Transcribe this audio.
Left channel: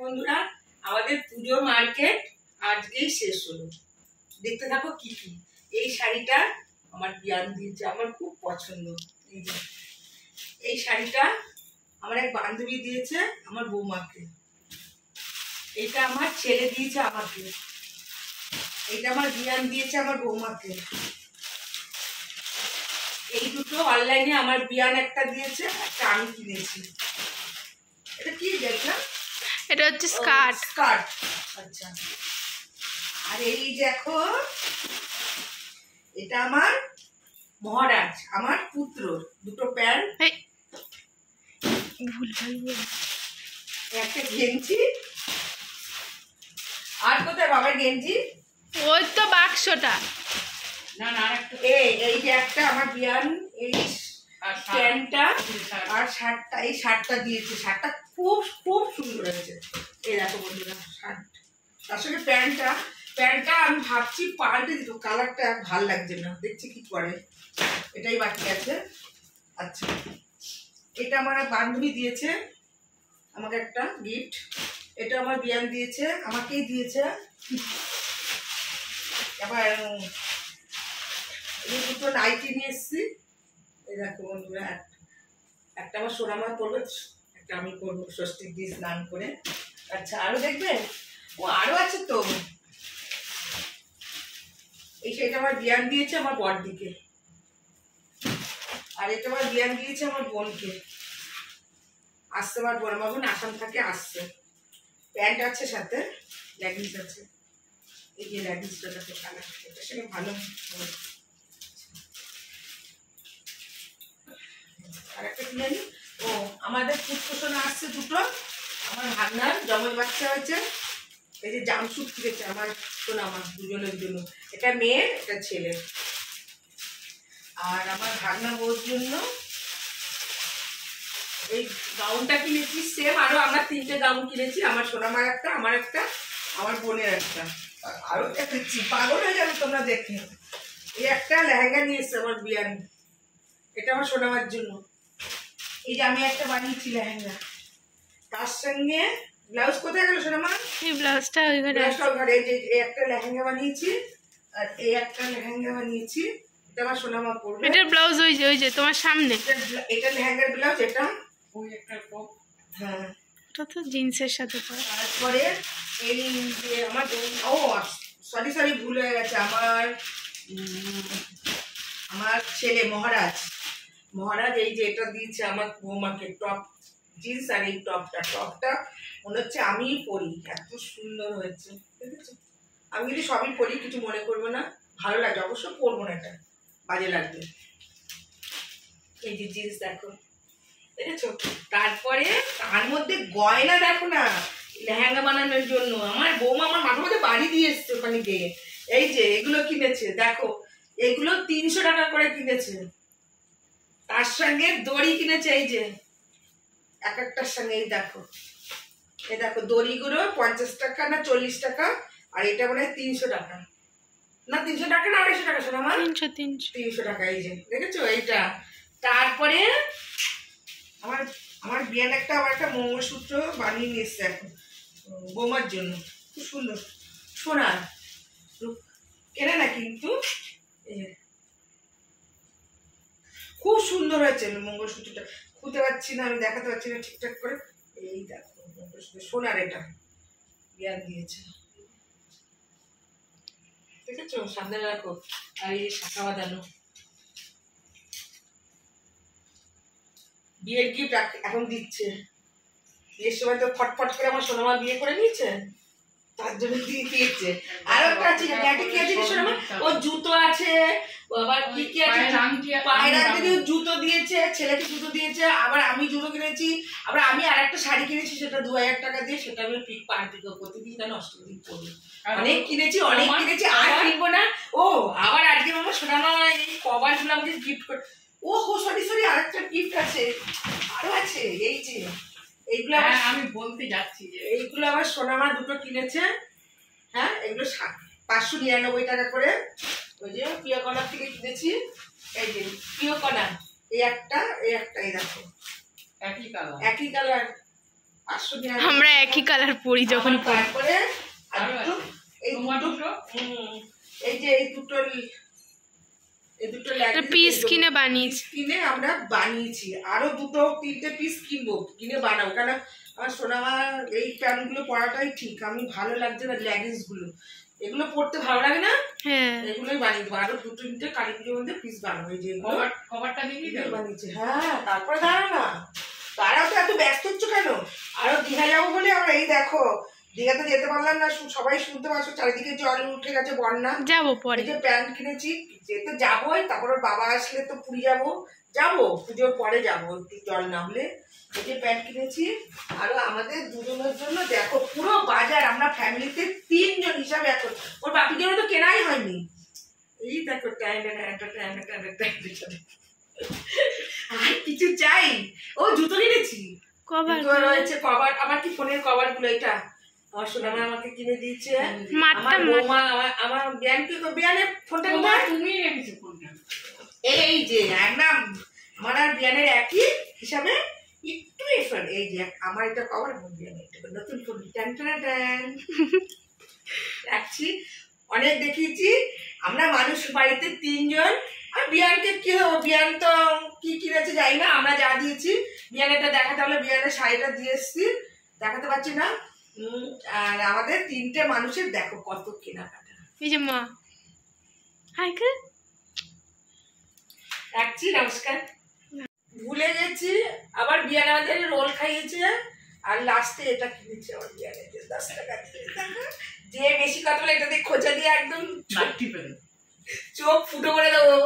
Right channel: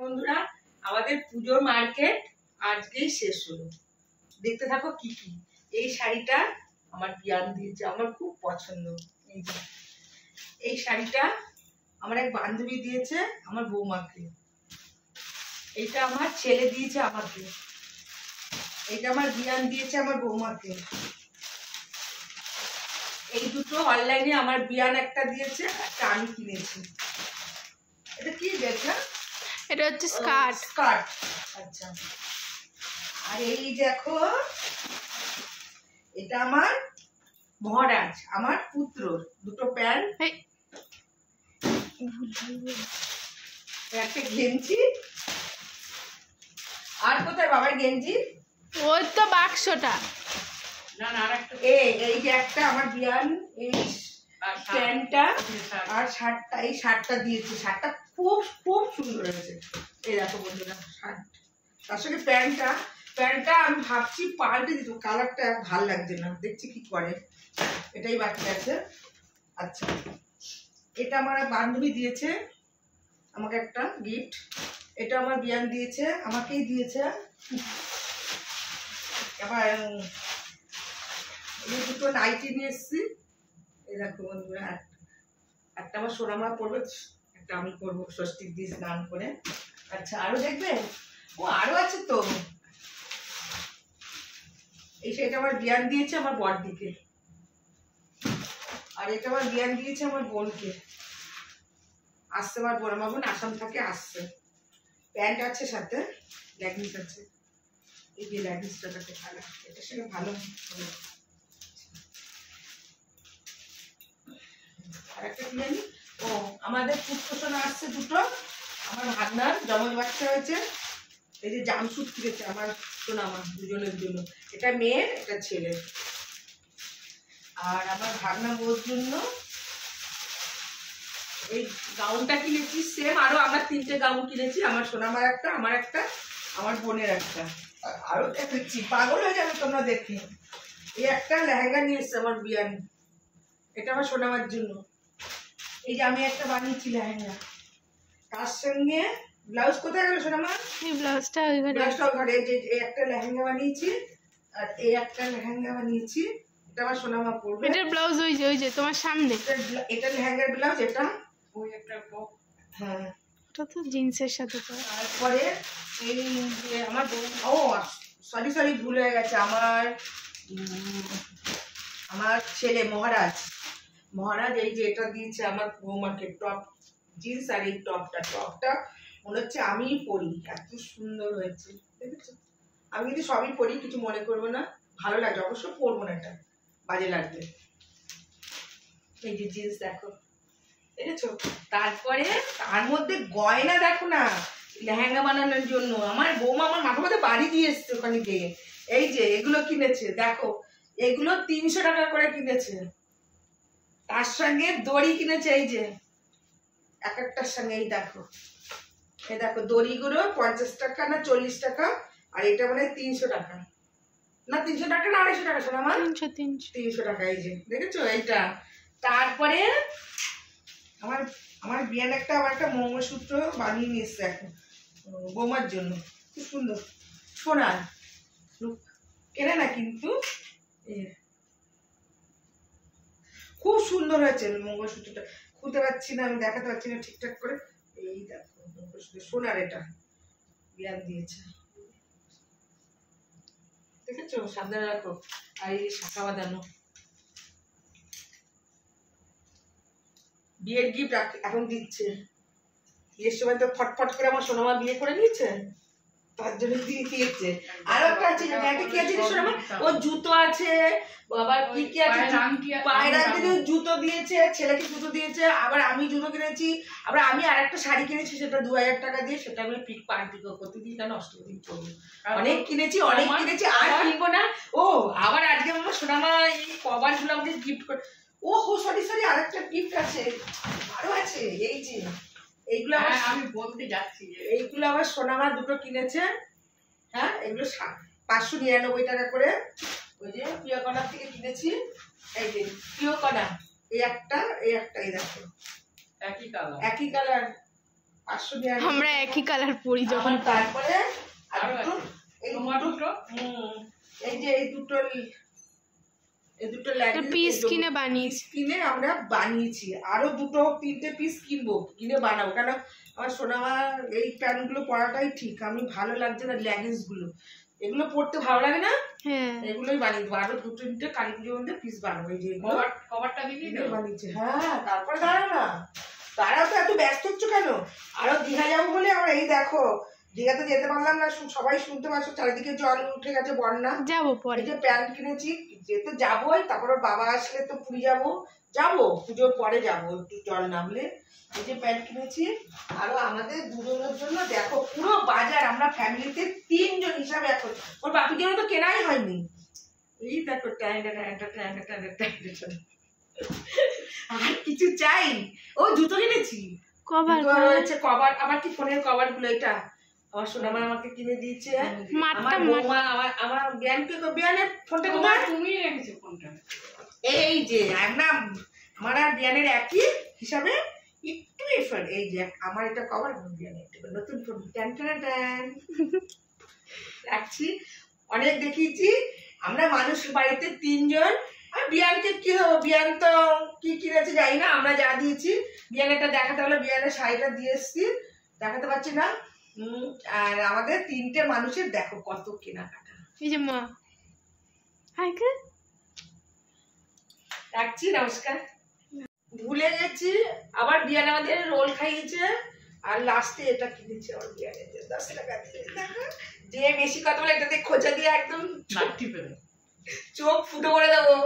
বন্ধুরা, আমাদের পুজোর মার্কেট আজকেই শেষ হলো। দেখতে থাকো কি কি। এই শাড়িটা আমার বিয়ান দিয়েছে, আমার খুব পছন্দ। এই যে এই শাড়িটা আমার এক বান্ধবী দিয়েছে আমার বৌমাকে। এইটা আমার ছেলে দিয়েছে আমাকে। এইটা আমার বিয়ান দিয়েছে আমার বৌমাকে। এই দুটো অনলাইনে আমার বিয়ান একটা দিয়েছে, একটা আমি কিনেছি। এটা কি দেখা? এটা হচ্ছে স্কার্ট। স্কার্ট, আচ্ছা। আর এই দেখো, এটা আমার মহারাজ, আমার পুত্র দুটো প্যান্ট, একটা গেঞ্জি। আর কোথায় বাবার গেঞ্জি? ওই তো বাক্সটা। না না, আরেকটা। এই যে একটা আমার বিয়ান, এই প্যান্টটা আর শার্টটা, এই শার্টটা দিয়েছে। শার্টটা খুব খুব সুন্দর হয়েছে। এই দেখো বন্ধুরা, শার্ট তার সঙ্গে প্যান্টটা আমি ভাবছি পাল্টে দিত, কালারটা ভাল লাগছে না, দেখছি কি করে। এটাই বাকি আছে। আচ্ছা, এটা আমার বান্ধবী দিয়েছে আমাকে একটা গিফট। এটা আমার বিয়ান দিয়েছে, আমাকেই দিয়েছে। আবার এই দুটো নাইটি নিয়ে এসছি। এই দেখো বন্ধুরা, একটা আমার সোনামা পরবে, একটা আমি করবো ষষ্ঠীর দিন স্নান করে। আচ্ছা, আরো দেখবে? ও আরো আছে তো। এই সেটা আমার বিয়ান দিয়েছে আমার বড়দিকে, আর এটা আমার বিয়ান দিয়েছে আমার বোনকে। আসছে আমার বোন, আমার বোন আসাম থেকে আসছে। প্যান্ট আছে, সাথে লেগিংস আছে। এই যে লেগিংসটা থাকে কালার, এটা সেটা ভালো। আর একটা কি জানি, ও আমাদের পুত্র সোনা আসছে দুটো। আমার ভাগনার জমজ বাচ্চা হয়েছে। এই যে জামসুট কিনেছে আমার সোনা, আমার দুজনের জন্য। এটা মেয়ের, এটা ছেলের। আর আমার ভাগনা বউর জন্য এই গাউনটা কিনেছি সেম। আরো আমরা 3টে গাউন কিনেছি, আমার সোনামার একটা, আমার একটা, আমার বোনের একটা। আরো দেখেছি, পাগল হয়ে যাবে তোমরা দেখে। এই একটা লেহেঙ্গা নিয়ে এসছে আমার বিয়ান, এটা আমার সোনামার জন্য। এই যে আমি একটা বানিয়েছি লেহেঙ্গা, তার সঙ্গে ব্লাউজ। কোথায় গেল সোনামা? এই ব্লাউজটা ওই ঘরে। ব্লাউজটা ঘরে। যে এই একটা লেহেঙ্গা বানিয়েছি, আর এই একটা লেহেঙ্গা বানিয়েছি। এটা আমার সোনামা পরবে। এটার ব্লাউজ ওই যে তোমার সামনে। এটা লেহেঙ্গার ব্লাউজ, এটা ওই একটা টপ। হ্যাঁ, ওটা তো জিন্সের সাথে পরে। তারপরে এই যে আমার ও সরি ভুল হয়ে গেছে। আমার ছেলে মহারাজ এই যে এটা দিয়েছে আমার বৌমাকে, টপ জিন্স। আর এই টপটা মনে হচ্ছে আমিই পরি, এত সুন্দর হয়েছে, দেখেছো? আমি কিন্তু সবই পরি, কিছু মনে করবো না, ভালো লাগবে। অবশ্য পরবো না, এটা বাজে লাগবে। এই যে জিন্স দেখো, দেখেছো? তারপরে তার মধ্যে গয়না দেখো না, লেহেঙ্গা বানানোর জন্য আমার বৌমা আমার মাথার মধ্যে বাড়ি দিয়ে এসছে ওখানে গিয়ে। এই যে এগুলো কিনেছে, দেখো এগুলো 300 টাকা করে কিনেছে। তার সঙ্গে দড়ি কিনেছে, এই যে এক একটার সঙ্গে। এই দেখো দড়িগুলো 50 টাকা না 40 টাকা। আর এটা মনে হয় 300 টাকা, না 300 টাকা না 250 টাকা শোনা আমার। 300 টাকা। এই যে দেখেছো এইটা। তারপরে আমার বিয়ান আমার একটা মঙ্গলসূত্র বানিয়ে নিয়ে এসছে এখন বৌমার জন্য, খুব সুন্দর সোনার, কেনা না কিন্তু। খুব সুন্দর হয়েছে মঙ্গলসূত্রটা। খুলতে পারছি না, আমি দেখাতে পারছি না ঠিকঠাক করে। এই দেখো মঙ্গলসূত্র সোনার, এটা বিয়ান দিয়েছে, দেখেছো? সামনে রাখো। আর এই শাখা বাঁধানো বিয়ের গিফট এখন দিচ্ছে। বিয়ের সময় তো ফটফট করে আমার সোনামা বিয়ে করে নিয়েছে, তার জন্য দিয়ে দিয়েছে। আর একটা আছে, কি আছে সোনামা? ও জুতো আছে, আবার কি আছে, পায়ের রাখতে জুতো দিয়েছে, ছেলেকে জুতো দিয়েছে। আবার আমি জুতো কিনেছি। আবার আমি আর একটা শাড়ি কিনেছি, সেটা 2000 টাকা দিয়ে। সেটা আমি পিকো করতে দিই, কারণ অষ্টদিন পরবো। অনেক কিনেছি আর কিনবো না। ও আবার আজকে আমার সোনামা এই কভার গুলো আমাকে গিফট করে। ও হো সরি আরেকটা গিফট আছে, আরো আছে। এই যে এইগুলো আমি বলতে যাচ্ছি, এইগুলো আমার সোনামা দুটো কিনেছে। হ্যাঁ, এগুলো 599 টাকা করে। ওই যে প্রিয় কর্নার থেকে কিনেছি। এই যে প্রিয় কর্নার, এই একটা এই দেখো একই কালার। 500 নিয়ে আমরা একই কালার পরি যখন তারপরে আর দুটো এই দুটো এই যে এই দুটো পিস কিনে বানিয়েছি। কিনে আমরা বানিয়েছি, আরো 2-3টে পিস কিনবো, কিনে বানাবো। কারণ আমার সোনামা এই প্যান্টগুলো পরাটাই ঠিক, আমি ভালো লাগছে না লেগিংস গুলো, এগুলো পরতে ভালো লাগে না, এগুলোই বানিয়ে দেবো। আরো 2-3টে কালী পুজোর মধ্যে পিস বানাবো। এই যে কভারটা দিয়ে বানিয়েছি। হ্যাঁ তারপরে তারাও তো এত ব্যস্ত হচ্ছে কেন? আরো দীঘা যাবো বলে আমরা এই দেখো দীঘাতে যেতে পারলাম না, সবাই শুনতে পারছো চারিদিকে জল উঠে গেছে, বন্যা। যাবো পরে, যে প্যান্ট কিনেছি, যেতে যাবোই, তারপর বাবা আসলে তো পুরী যাবো পুজোর পরে যাবো, একটু জল নামলে। এই যে প্যান্ট কিনেছি, আরো আমাদের দুজনের জন্য দেখো পুরো বাজার, আমরা ফ্যামিলিতে 3 জন হিসাবে এখন, ওর বাপির জন্য তো কেনাই হয়নি। এই দেখো আর কিছু চাই, ও জুতো কিনেছি, কভার রয়েছে কভার, আমার কি ফোনের কভার গুলো, এটা আমার সোনামা আমাকে কিনে দিয়েছে। আমার বিয়ানের ফোনটা কোথায়? তুমি রেখেছো ফোনটা, এই যে একদম আমার আর বিয়ানের একই হিসাবে একটু এফার। এই যে আমার এটা কভার, বিয়ানের নতুন ফোন রাখছি। অনেক দেখিয়েছি আমরা মানুষ বাড়িতে 3 জন। আর বিয়ানকে কি হবো, বিয়ান তো কি কিনেছে জানি না, আমরা যা দিয়েছি। বিয়ানেরটা দেখাতে হলে বিয়ানের শাড়িটা দিয়ে এসছি, দেখাতে পারছি না। আর আমাদের 3টে মানুষের দেখো কত কেনাকাটা। এই যে মা রাখছি, নমস্কার। ভুলে গেছি, আবার বিয়ান আমাদের রোল খাইয়েছে, আর লাস্টে এটা কিনেছে আমার বিয়ানের 10 টাকা দিয়ে। যে বেশি কথা বলে এটাতে খোঁচা দিয়ে একদম চোখ ফুটো করে দেবো।